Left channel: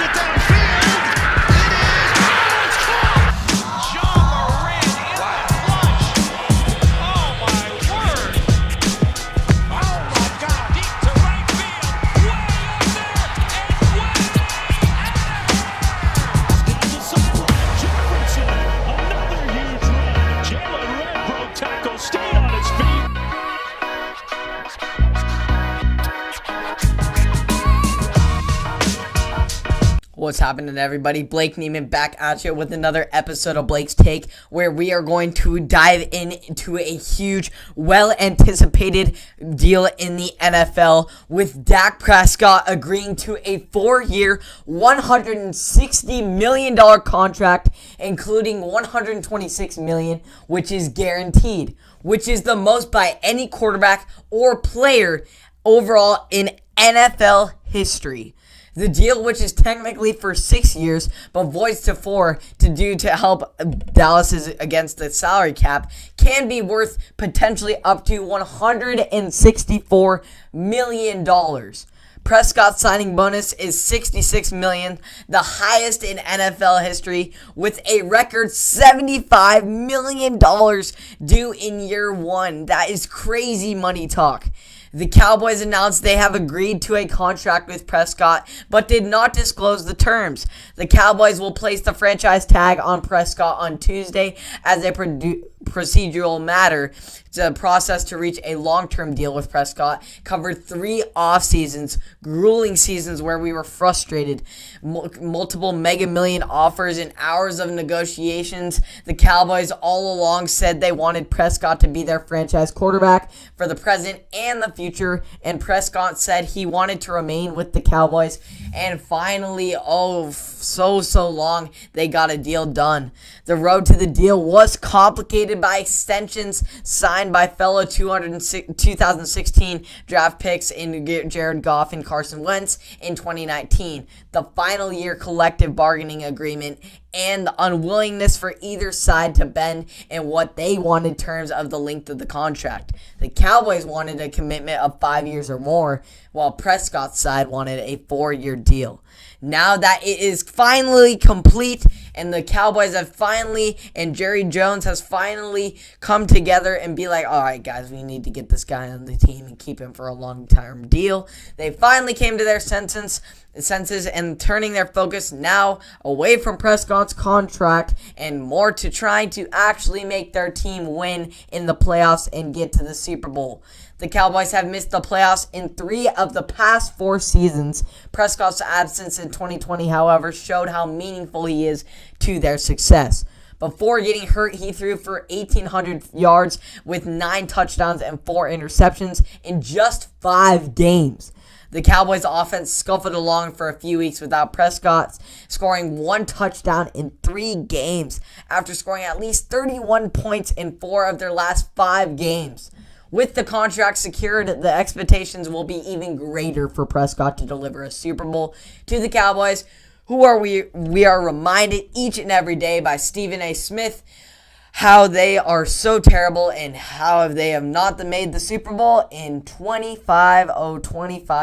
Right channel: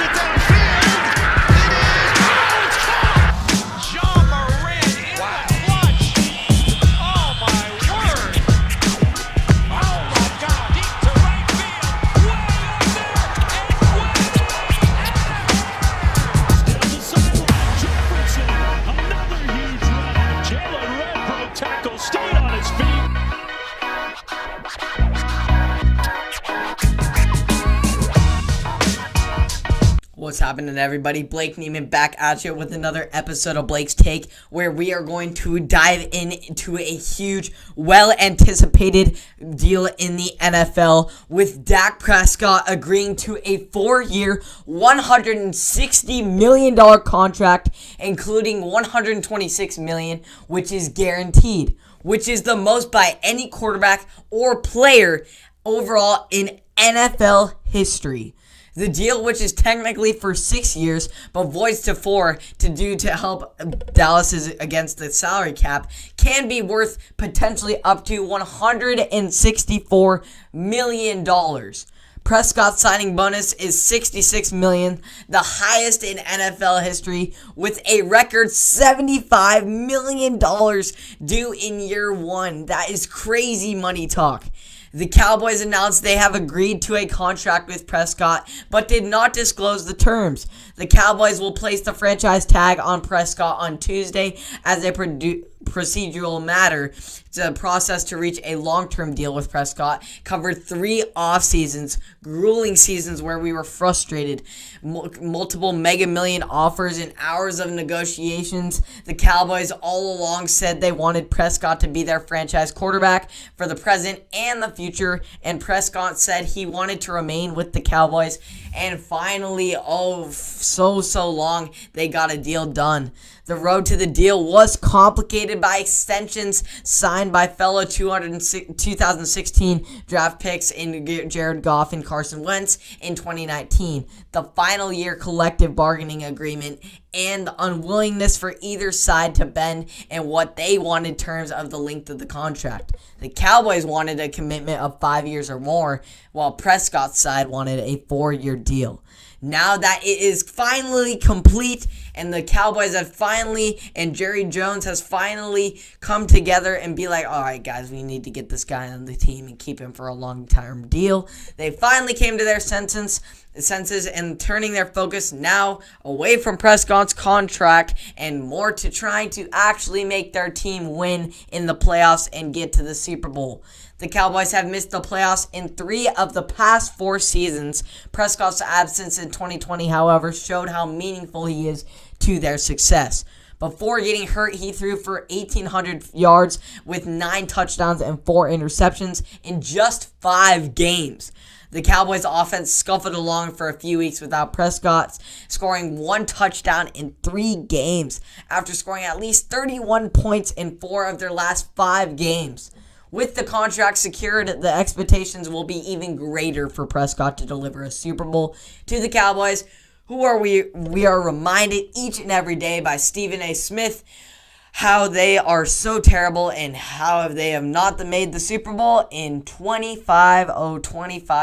it downfield. It is caught. John Moran in the clutch. Oh my word. Oh my God. Deep to right field. Way up there and way down the sideline. Jefferson, another huge run. Jalen Red broke tackle, stayed on his feet. What's happening, everybody? Blake Neiman back at you with another episode of Blake's Take, where we are going to dive into a huge, well-anticipated deal in the NFL with Dak Prescott agreeing to a 4-year, $160 million contract, including $126 million, which is guaranteed, which is the most by any quarterback or player overall in NFL history. The deal, which is technically for 6 years, but voids to 4 to help Dallas against the salary cap, can be worth potentially up to $164 million. Prescott's signing bonus is $66 million, the highest in NFL history, with a record $75 million due in year 1. That is crazy money talk. The Cowboys announced they have agreed to a contract with Prescott, but did not disclose the terms. The Cowboys will place the franchise tag on Prescott on Tuesday as a procedural matter. The process to reach a long-term deal with Prescott covered 3 off seasons, grueling seasons where we were frustrated, multiple mega million offers and hours of negotiations. The Cowboys all along said they wanted Prescott to be their franchise quarterback for the present and the future, and Prescott said he wanted to remain with the Cowboys, and finally, so long, they got a deal done. The road to the deal was complicated by extensions signed by fellow 2016 draft picks in Jared Goff and Carson Wentz in 2019, the final year collective bargaining agreement, and the unwillingness for either side to bend in what they wanted in terms of the length of the contract. The Cowboys wanted a commitment of 5 years or more, while Prescott's side wanted a 4-year deal. Now that it is finally complete, and the Cowboys have finally, and Jerry Jones has finally come together and be like, all right, guys, we need to get this guy on the team and keep him for a long-term deal. They finally came to their senses and turning their focus now away from Prescott's contract and more to trying to actually make their team win in the playoffs and get to the Super Bowl. The Cowboys have missed the playoffs in 3 of the past 4 seasons. Prescott's absence in 2020, however, showed how meaningful he is to their success. Before getting hurt, he threw for 1,800 yards with 9 touchdowns and 4 interceptions in just 5 games. The Cowboys' offense scuffled along for a few weeks without Prescott, scoring 1 touchdown in 3 games after scoring at least 31 points in 4 of their last 5 games. With the contract secured, the expectations will be even greater for Prescott to deliver a Super Bowl to the Cowboys, who are we are reminded each and every day by Stephen A. Smith how they are so terrible and how they have not made the Super Bowl in 25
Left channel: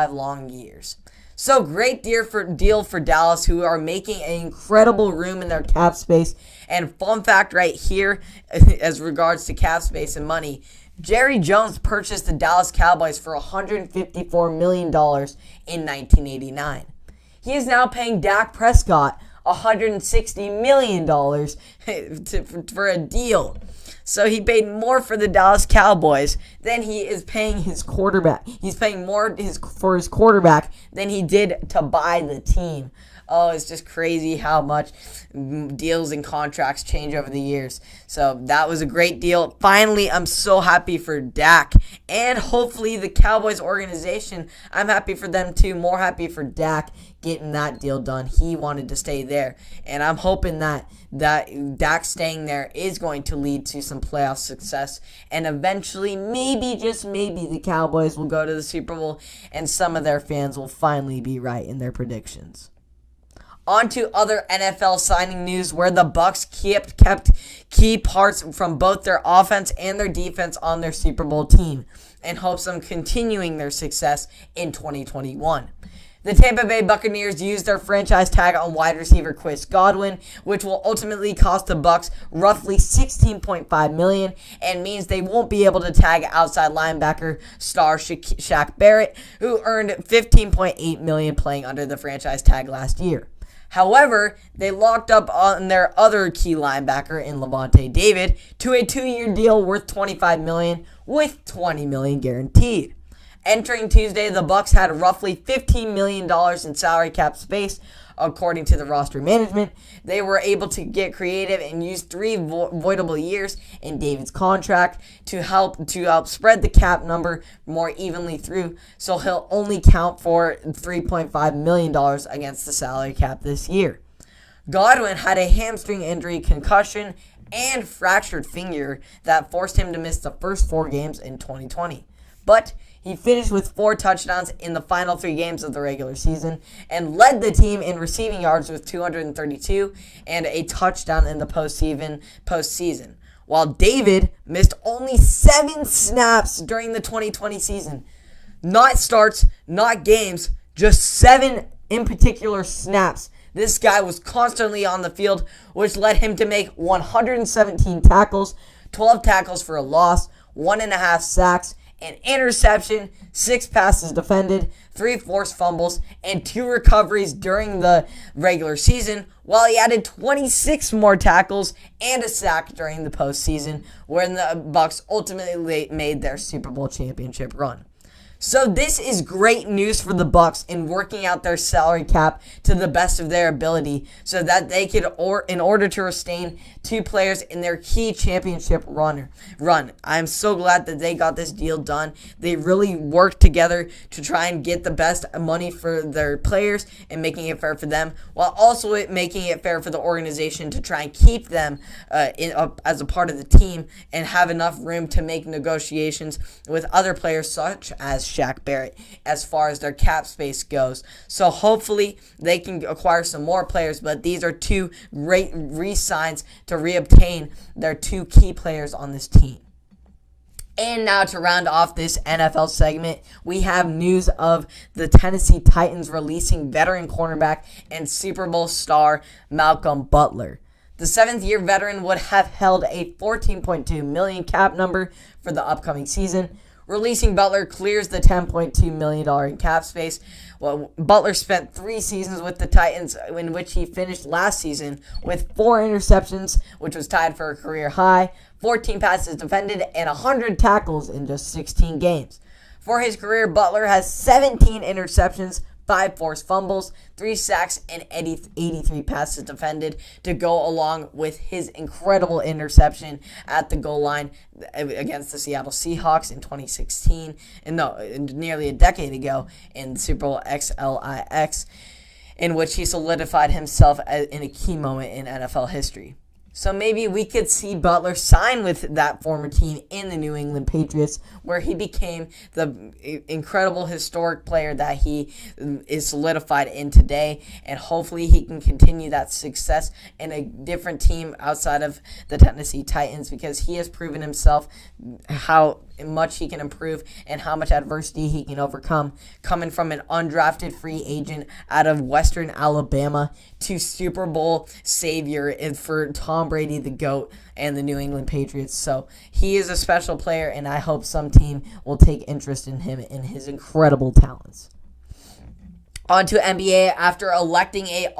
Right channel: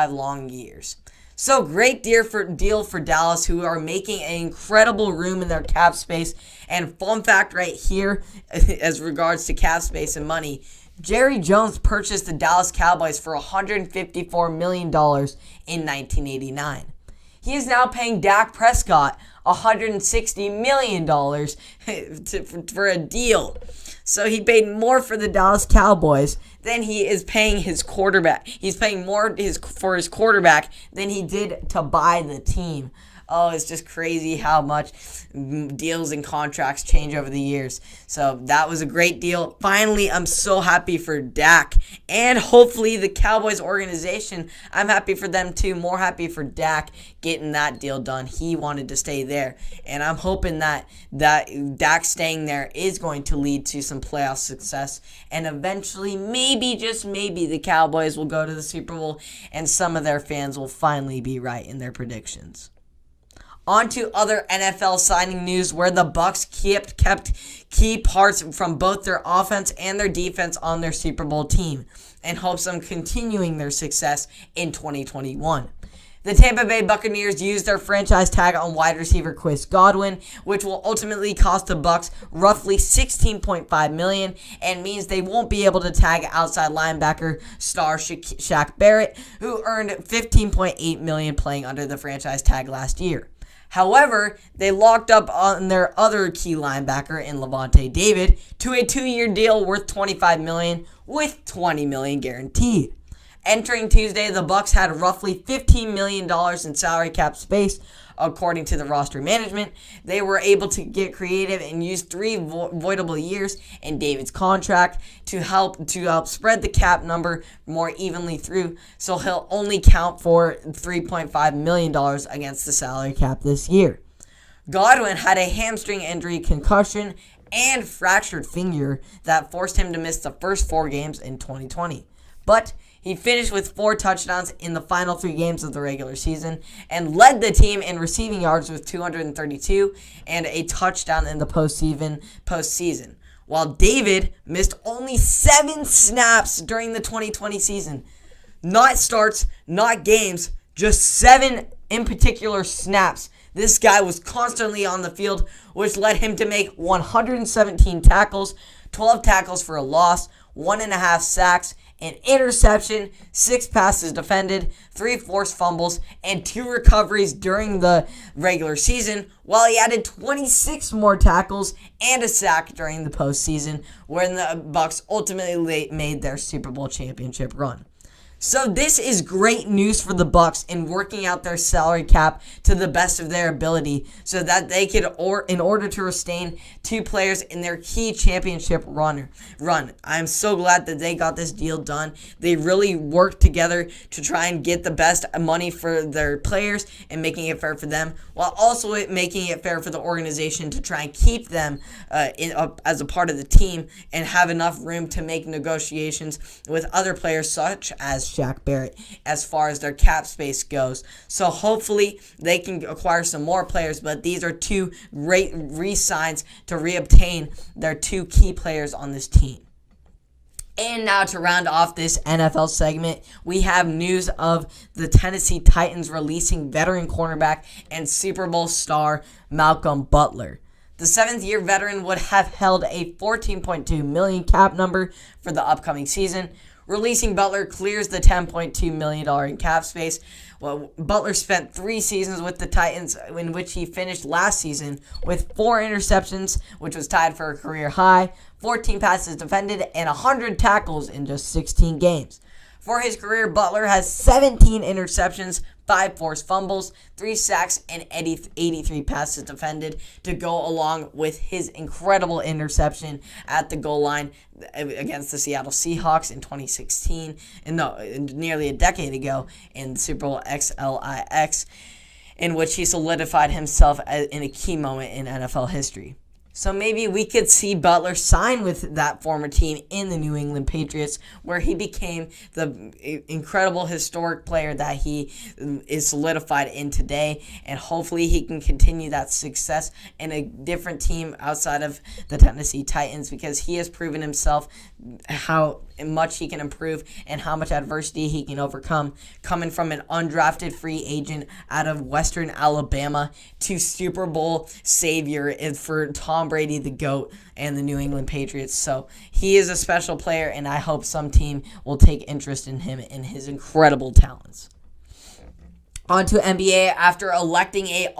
long years. So great deal for Dallas, who are making an incredible room in their cap space. And fun fact right here, as regards to cap space and money, Jerry Jones purchased the Dallas Cowboys for $154 million in 1989. He is now paying Dak Prescott $160 million for a deal. So he paid more for the Dallas Cowboys than he is paying his quarterback. He's paying more for his quarterback than he did to buy the team. Oh, it's just crazy how much deals and contracts change over the years. So that was a great deal. Finally, I'm so happy for Dak and hopefully the Cowboys organization. I'm happy for them too. More happy for Dak getting that deal done. He wanted to stay there. And I'm hoping that Dak staying there is going to lead to some playoff success. And eventually, maybe, just maybe, the Cowboys will go to the Super Bowl and some of their fans will finally be right in their predictions. On to other NFL signing news where the Bucs kept key parts from both their offense and their defense on their Super Bowl team in hopes of continuing their success in 2021. The Tampa Bay Buccaneers used their franchise tag on wide receiver Chris Godwin, which will ultimately cost the Bucs roughly $16.5 million and means they won't be able to tag outside linebacker star Shaq Barrett, who earned $15.8 million playing under the franchise tag last year. However, they locked up on their other key linebacker in Lavonte David to a 2-year deal worth $25 million with $20 million guaranteed. Entering Tuesday, the Bucs had roughly $15 million in salary cap space, according to the roster management. They were able to get creative and use 3 voidable years in David's contract to help spread the cap number more evenly through, so he'll only count for $3.5 million against the salary cap this year. Godwin had a hamstring injury, concussion, and fractured finger that forced him to miss the first 4 games in 2020. But he finished with 4 touchdowns in the final 3 games of the regular season and led the team in receiving yards with 232 and a touchdown in the postseason. While David missed only 7 snaps during the 2020 season. Not starts, not games, just 7 in particular snaps. This guy was constantly on the field, which led him to make 117 tackles, 12 tackles for a loss, 1.5 sacks, an interception, 6 passes defended, 3 forced fumbles, and 2 recoveries during the regular season, while he added 26 more tackles and a sack during the postseason, when the Bucs ultimately made their Super Bowl championship run. So this is great news for the Bucs in working out their salary cap to the best of their ability so that they could, in order to retain 2 players in their key championship run. I'm so glad that they got this deal done. They really worked together to try and get the best money for their players and making it fair for them, while also making it fair for the organization to try and keep them as a part of the team and have enough room to make negotiations with other players such as Shaq Barrett as far as their cap space goes. So hopefully they can acquire some more players, but these are 2 great re-signs to reobtain their 2 key players on this team. And now to round off this NFL segment, we have news of the Tennessee Titans releasing veteran cornerback and Super Bowl star Malcolm Butler. The 7th-year veteran would have held a $14.2 million cap number for the upcoming season. Releasing Butler clears the $10.2 million in cap space. Well, Butler spent 3 seasons with the Titans, in which he finished last season with 4 interceptions, which was tied for a career high, 14 passes defended, and 100 tackles in just 16 games. For his career, Butler has 17 interceptions, 5 forced fumbles, 3 sacks, and 83 passes defended to go along with his incredible interception at the goal line against the Seattle Seahawks in 2016, nearly a decade ago in the Super Bowl XLIX, in which he solidified himself in a key moment in NFL history. So maybe we could see Butler sign with that former team in the New England Patriots, where he became the incredible historic player that he is solidified in today. And hopefully he can continue that success in a different team outside of the Tennessee Titans, because he has proven himself how much he can improve and how much adversity he can overcome, coming from an undrafted free agent out of Western Alabama to Super Bowl savior for Tom Brady, the GOAT, and the New England Patriots. So he is a special player, and I hope some team will take interest in him and his incredible talents. On to NBA. After electing a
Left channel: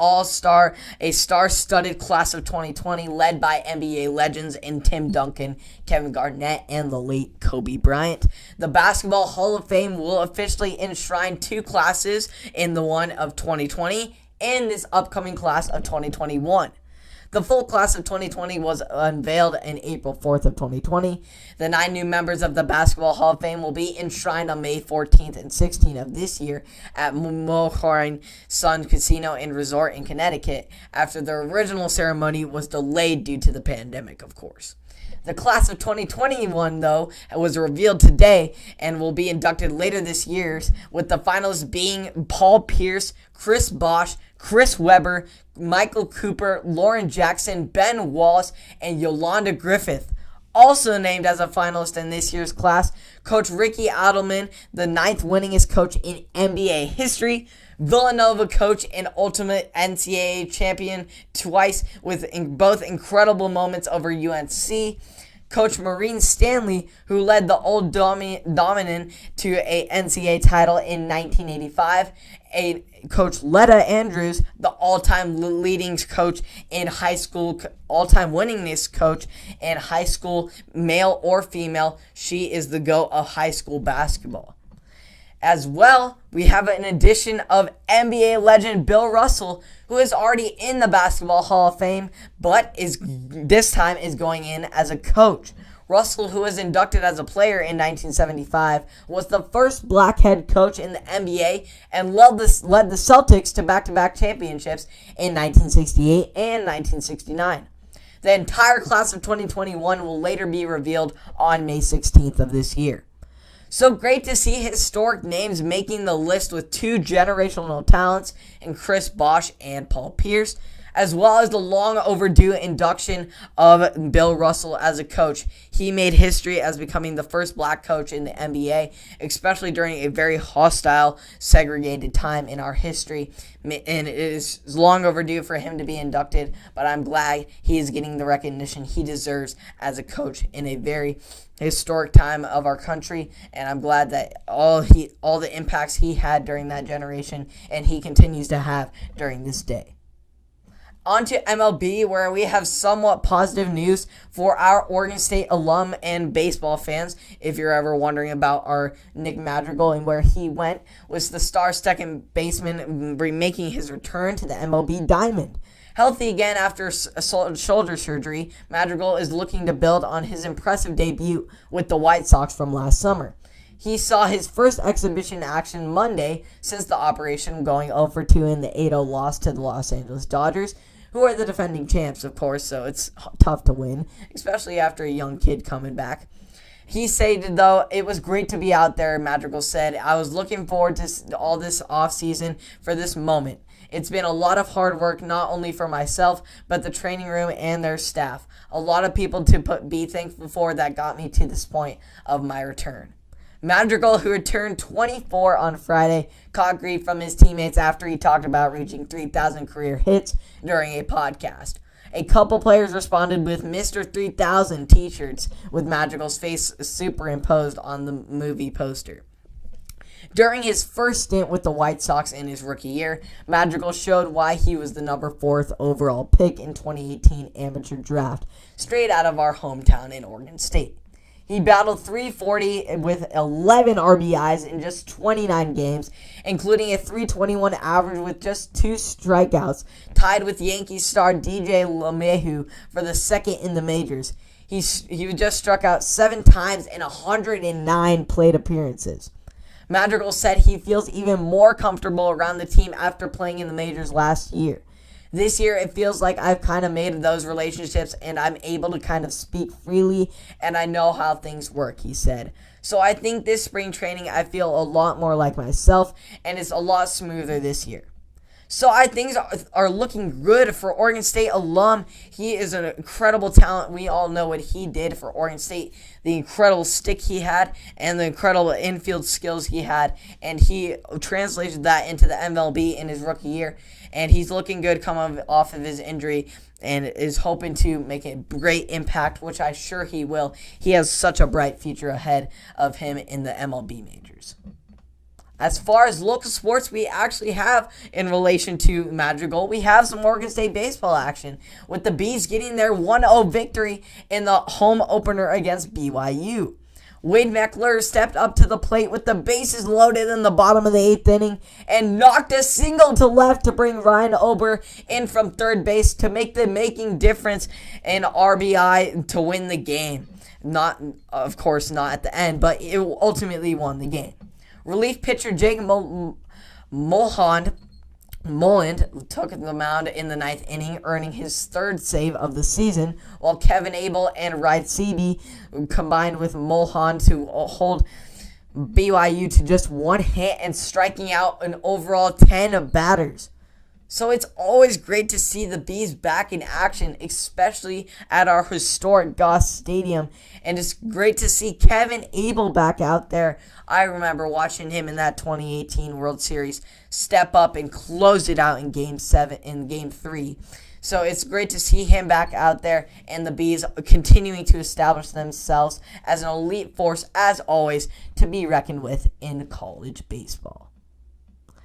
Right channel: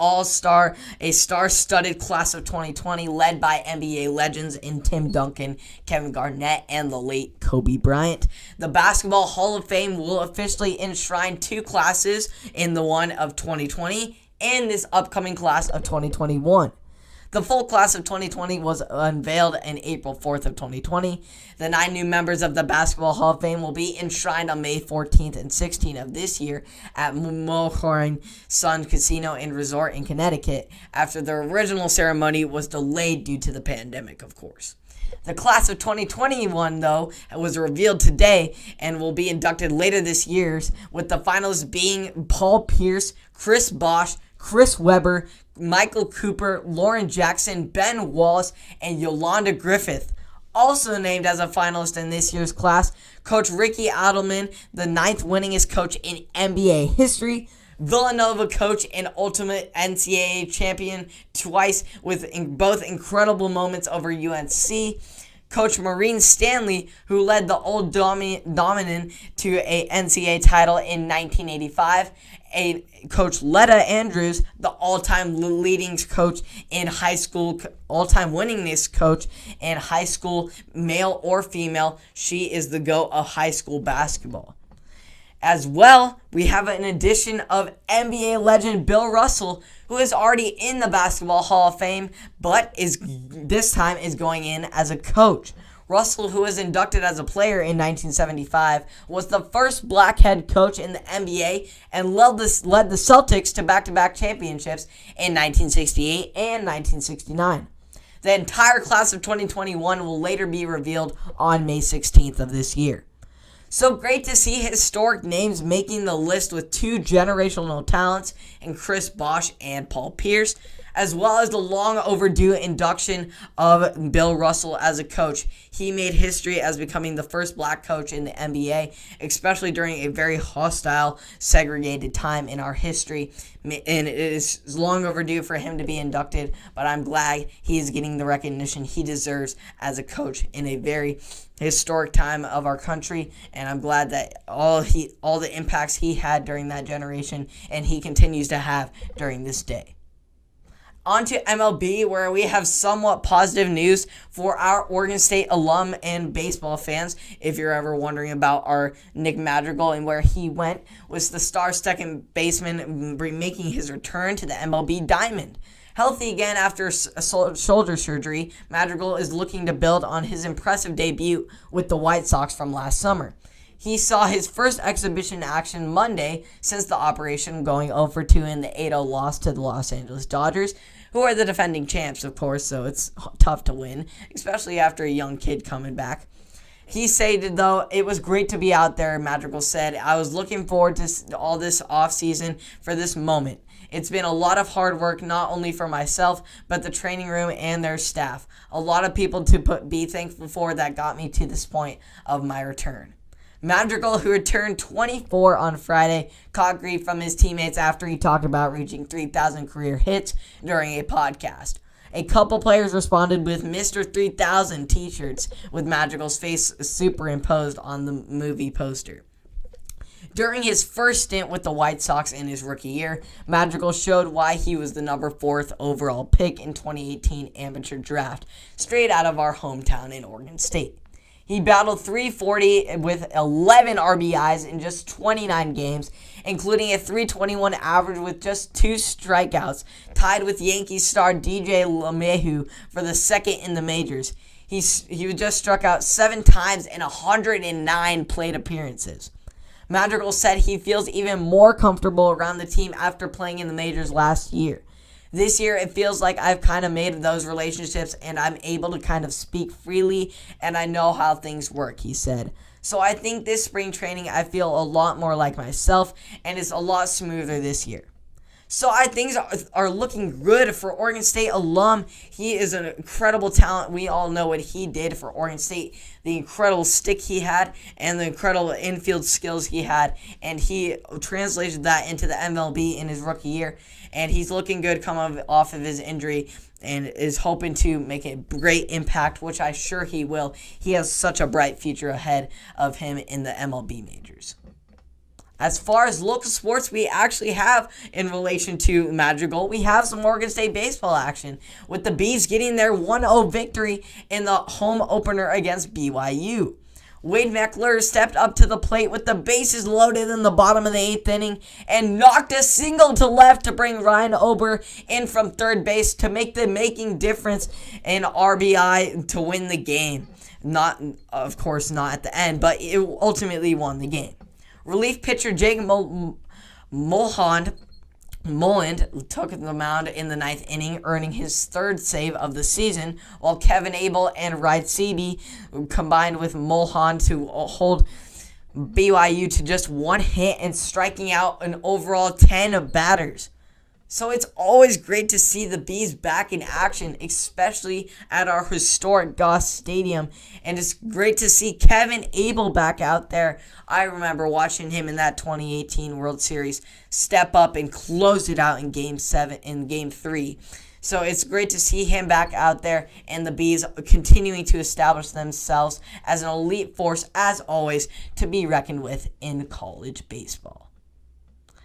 star-studded class of 2020 led by NBA legends in Tim Duncan, Kevin Garnett, and the late Kobe Bryant, the Basketball Hall of Fame will officially enshrine 2 classes in the one of 2020 and this upcoming class of 2021. The full class of 2020 was unveiled on April 4th of 2020. The 9 new members of the Basketball Hall of Fame will be enshrined on May 14th and 16th of this year at Mohegan Sun Casino and Resort in Connecticut, after the original ceremony was delayed due to the pandemic, of course. The class of 2021, though, was revealed today and will be inducted later this year, with the finalists being Paul Pierce, Chris Bosh, Chris Webber, Michael Cooper, Lauren Jackson, Ben Wallace, and Yolanda Griffith. Also named as a finalist in this year's class, Coach Ricky Adelman, the 9th winningest coach in NBA history, Villanova coach and ultimate NCAA champion twice with both incredible moments over UNC. Coach Maureen Stanley, who led the Old Dominion to a NCAA title in 1985. Coach Letta Andrews, the all-time leading coach in high school, all-time winningest coach in high school, male or female. She is the GOAT of high school basketball. As well, we have an addition of NBA legend Bill Russell, who is already in the Basketball Hall of Fame, but this time is going in as a coach. Russell, who was inducted as a player in 1975, was the first black head coach in the NBA and led the Celtics to back-to-back championships in 1968 and 1969. The entire class of 2021 will later be revealed on May 16th of this year. So great to see historic names making the list with two generational talents in Chris Bosh and Paul Pierce, as well as the long overdue induction of Bill Russell as a coach. He made history as becoming the first black coach in the NBA, especially during a very hostile, segregated time in our history. And it is long overdue for him to be inducted, but I'm glad he is getting the recognition he deserves as a coach in a very historic time of our country, and I'm glad that all the impacts he had during that generation and he continues to have during this day. On to MLB, where we have somewhat positive news for our Oregon State alum and baseball fans. If you're ever wondering about our Nick Madrigal and where he went, was the star second baseman making his return to the MLB diamond. Healthy again after shoulder surgery, Madrigal is looking to build on his impressive debut with the White Sox from last summer. He saw his first exhibition action Monday since the operation, going 0-2 in the 8-0 loss to the Los Angeles Dodgers, who are the defending champs, of course, so it's tough to win, especially after a young kid coming back. He stated, though, it was great to be out there, Madrigal said. I was looking forward to all this offseason for this moment. It's been a lot of hard work, not only for myself, but the training room and their staff. A lot of people to be thankful for that got me to this point of my return. Madrigal, who returned 24 on Friday, caught grief from his teammates after he talked about reaching 3,000 career hits during a podcast. A couple players responded with Mr. 3000 t-shirts with Madrigal's face superimposed on the movie poster. During his first stint with the White Sox in his rookie year, Madrigal showed why he was the number 4th overall pick in 2018 amateur draft, straight out of our hometown in Oregon State. He battled .340 with 11 RBIs in just 29 games, including a .321 average with just 2 strikeouts, tied with Yankees star DJ LeMahieu for the second in the majors. He just struck out 7 times in 109 plate appearances. Madrigal said he feels even more comfortable around the team after playing in the majors last year. This year, it feels like I've kind of made those relationships and I'm able to kind of speak freely and I know how things work, he said. So I think this spring training, I feel a lot more like myself and it's a lot smoother this year. So things are looking good for Oregon State alum. He is an incredible talent. We all know what he did for Oregon State, the incredible stick he had and the incredible infield skills he had. And he translated that into the MLB in his rookie year. And he's looking good coming off of his injury and is hoping to make a great impact, which I'm sure he will. He has such a bright future ahead of him in the MLB majors. As far as local sports we actually have in relation to Madrigal, we have some Oregon State baseball action, with the Bees getting their 1-0 victory in the home opener against BYU. Wade Meckler stepped up to the plate with the bases loaded in the bottom of the 8th inning and knocked a single to left to bring Ryan Ober in from third base to make the making difference in RBI to win the game. Not, of course, not at the end, but it ultimately won the game. Relief pitcher Jake Mulholland took the mound in the 9th inning, earning his 3rd save of the season, while Kevin Abel and Wright Seaby combined with Mulholland to hold BYU to just 1 hit and striking out an overall 10 batters. So it's always great to see the Bees back in action, especially at our historic Goss Stadium. And it's great to see Kevin Abel back out there. I remember watching him in that 2018 World Series step up and close it out in Game 3. So it's great to see him back out there and the Bees continuing to establish themselves as an elite force, as always, to be reckoned with in college baseball.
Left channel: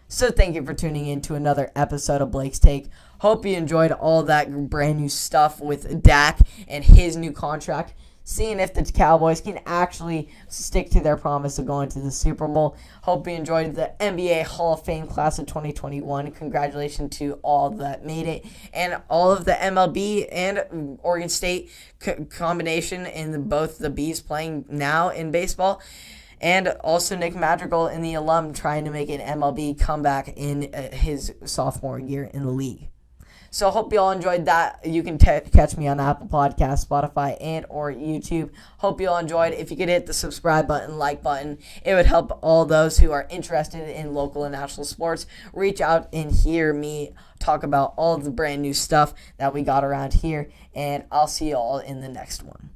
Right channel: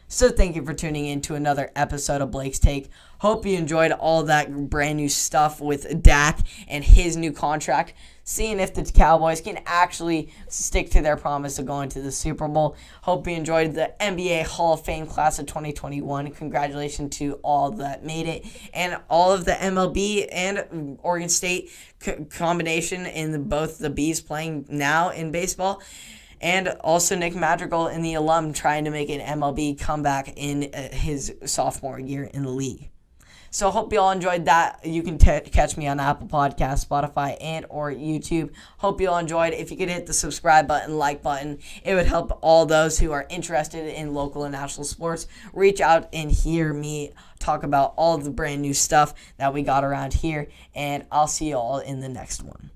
So thank you for tuning in to another episode of Blake's Take. Hope you enjoyed all that brand new stuff with Dak and his new contract. Seeing if the Cowboys can actually stick to their promise of going to the Super Bowl. Hope you enjoyed the NBA Hall of Fame class of 2021. Congratulations to all that made it. And all of the MLB and Oregon State combination in both the Bees playing now in baseball. And also Nick Madrigal in the alum trying to make an MLB comeback in his sophomore year in the league. So I hope you all enjoyed that. You can catch me on Apple Podcasts, Spotify, and or YouTube. Hope you all enjoyed. If you could hit the subscribe button, like button, it would help all those who are interested in local and national sports reach out and hear me talk about all of the brand new stuff that we got around here. And I'll see you all in the next one.